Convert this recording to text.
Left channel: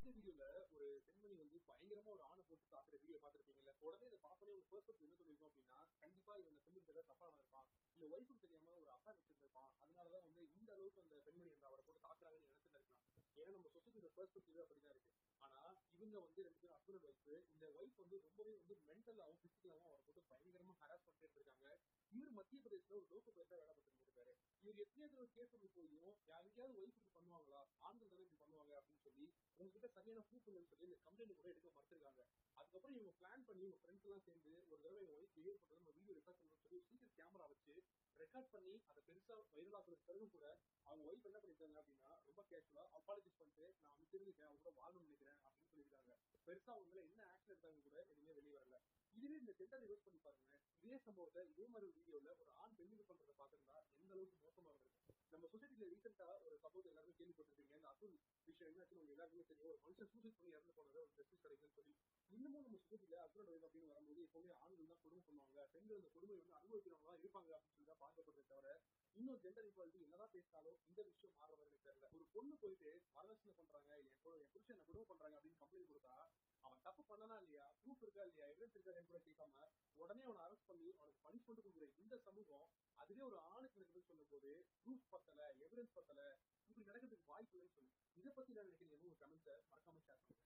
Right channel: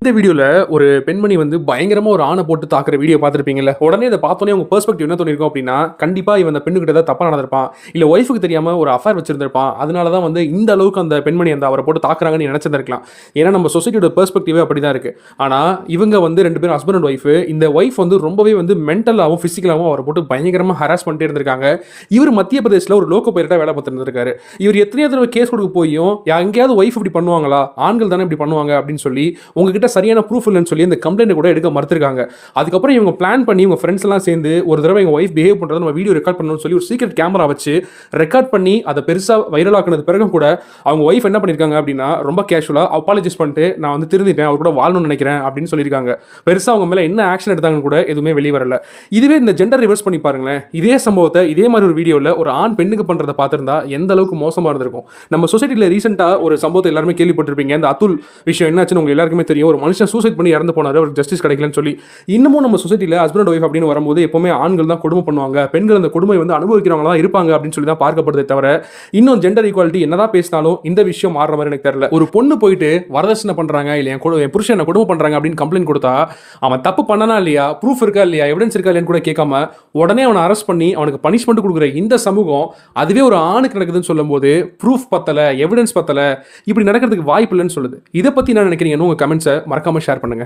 இந்த வீடியோல ஒரு பெண்மணி வந்து பயங்கரமா ஒரு ஆணை போட்டு தாக்குற வீடியோ பார்த்துருப்பீங்கல்ல. உடனே இதை பார்த்தோன்னே உங்க பெர்ஸ்பெக்டிவ் என்ன தோணிருக்கும் அப்படின்னா, கண்டிப்பா இவன் அந்த பெண்ணுகிட்ட ஏதாவது தப்பா நடந்திருப்பான், இல்ல ஒய்ஃபுக்கு தெரியாம ஒரு அஃபேர் வச்சிருந்திருப்பான், அதனால தான் வந்து இந்த அளவுக்கு அந்த பெண்மணி அந்த அவரை போட்டு தாக்குறாங்கன்னு நினைச்சிருந்திருக்கலாம். ஏன்னா நம்ம சொசைட்டியோட பெர்ஸ்பெக்டிவே அப்படிதான் இருக்கு. ஆனா இவங்க வந்து 2 பேரும் ஹஸ்பண்ட் அண்ட் ஒய்ஃப். இந்த ஒய்ஃப் வந்து ரொம்பவே வந்து மென்டலாவும் பிசிக்கலாவும் அவரை போட்டு பயங்கரமா ஹராஸ் பண்ணிட்டே இருந்திருக்காங்க. இவர் மத்திய பிரதேசல ஒரு லோக்கோ பைலட்டா வேலை பார்த்துட்டு இருந்திருக்காரு. இவர் எத்தனையோ தடவை கேஸ் கொடுக்க போயும் எங்கேயாவது ஒய்ஃப் இப்படி பண்ணுவாங்களா, ஆண்கள் தானே இப்படி பண்ணுவாங்க அப்படின்னு சொல்லி உங்ககிட்ட சரியான ப்ரூஃப் இல்லைன்னு சொல்லி இந்த கம்ப்ளைண்ட் கூட எடுக்க மறுத்திருக்காங்க. அதுக்கப்புறம் இவங்க பிளான் பண்ணி இவங்க ஃப்ரெண்ட்ஸ் எல்லாம் சேர்ந்து ஒரு தடவை எங்க ஒய்ஃப் பிஹேவ் பண்றதை நம்ம வீடியோ ரெக்கார்ட் பண்ணணும்னு சொல்லி ஒரு சீக்ரெட் கேமரா வச்சு ரெக்கார்ட் பண்ணி அதை பெருசா வைரல் ஆக்குனது பிறகும் கூட அவங்க ஒய்ஃப் என்ன பண்ணிருக்காங்க அப்படின்னா ரொம்ப கேஷுவலா அப்பாலஜைஸ் பண்ணிட்டு நான் வந்து திருந்திட்டேன், அவர் கூட வாழணும்னு நினைக்கிறேன் அப்படின்னு சொல்லியிருக்காங்க. பெருசா அவங்க மேல என்ன ஆக்ஷன் எடுத்தாங்கன்னு கூட எதுவுமே வெளியே வரல. இதுவே இந்த ஜெண்டர் ரிவர்ஸ் பண்ணி பாருங்களேன். இதே சம்பவத்தை இதே மாதிரி ஒரு வீடியோல ஒரு ஆண் பெண்ணுக்கு பண்றதை பார்த்திருந்தா எந்த அளவுக்கு மோசமா இருந்திருக்கும். நம்ம சொசைட்டில ரீசெண்டா ஒரு சம்பவத்தை எல்லாருமே கேள்விப்பட்டிருப்பீங்க. இந்த அதுல் விஷயம் என்னாச்சுன்னு உங்களுக்கு எல்லாருக்குமே தெரியும். ஒரு மனுஷன் சூசைட் பண்ணி இறந்து போனாரு, அவருக்கு ஜஸ்டிஸ் கிடைக்கலன்னு சொல்லி. இன்னமும் நம்ம சொசைட்டில ஹஸ்பண்ட் அண்ட் ஒய்ஃப் அப்படின்னு வரும்போது எப்பவுமே ஆண்கள் தான் கொடுமை பண்ணுவாங்க, பெண்கள் அந்த கொடுமை வந்து அனுபவிக்கிறவங்க தான் இருப்பாங்க அப்படின்னு சொல்லி தான் பார்க்கப்படுதே தவிர இன்னும் ஜெண்டர் ஈக்குவாலிட்டி என்னதான் பேசினாலும் இந்த விஷயம் மாறுற மாதிரி எனக்கு தெரியல. ஒரு பொண்ணு போயிட்டு வரதட்சணை பண்றாங்க இல்ல என் புருஷன் என்ன கொடுமை பண்றாங்க அப்படின்னு கம்ப்ளைண்ட் கொடுத்தா அவன் தப்பு பண்ணனா இல்லையா, ப்ரூஃப் இருக்கா இல்லையா, எவிடன்ஸ் இருக்கா இல்லையான்னு கூட கேட்காம உடனே அவனை அரெஸ்ட் பண்ணி அவனுக்கு பனிஷ்மெண்ட் கொடுக்குற இந்த சமூகம் அதுவே ஒரு ஆணுக்கு நடக்குதுன்னு சொல்லும்போது ப்ரூஃப் பத்தல, எவிடன்ஸ் பத்தல, இப்படி நடக்கிறதுக்கு வாய்ப்பு இல்லைன்னு சொல்லுது. இதை பத்தி என்ன நினைக்கிறீங்கன்னு உங்க கமெண்ட்ஸை மறக்காம ஷேர் பண்ணுங்க.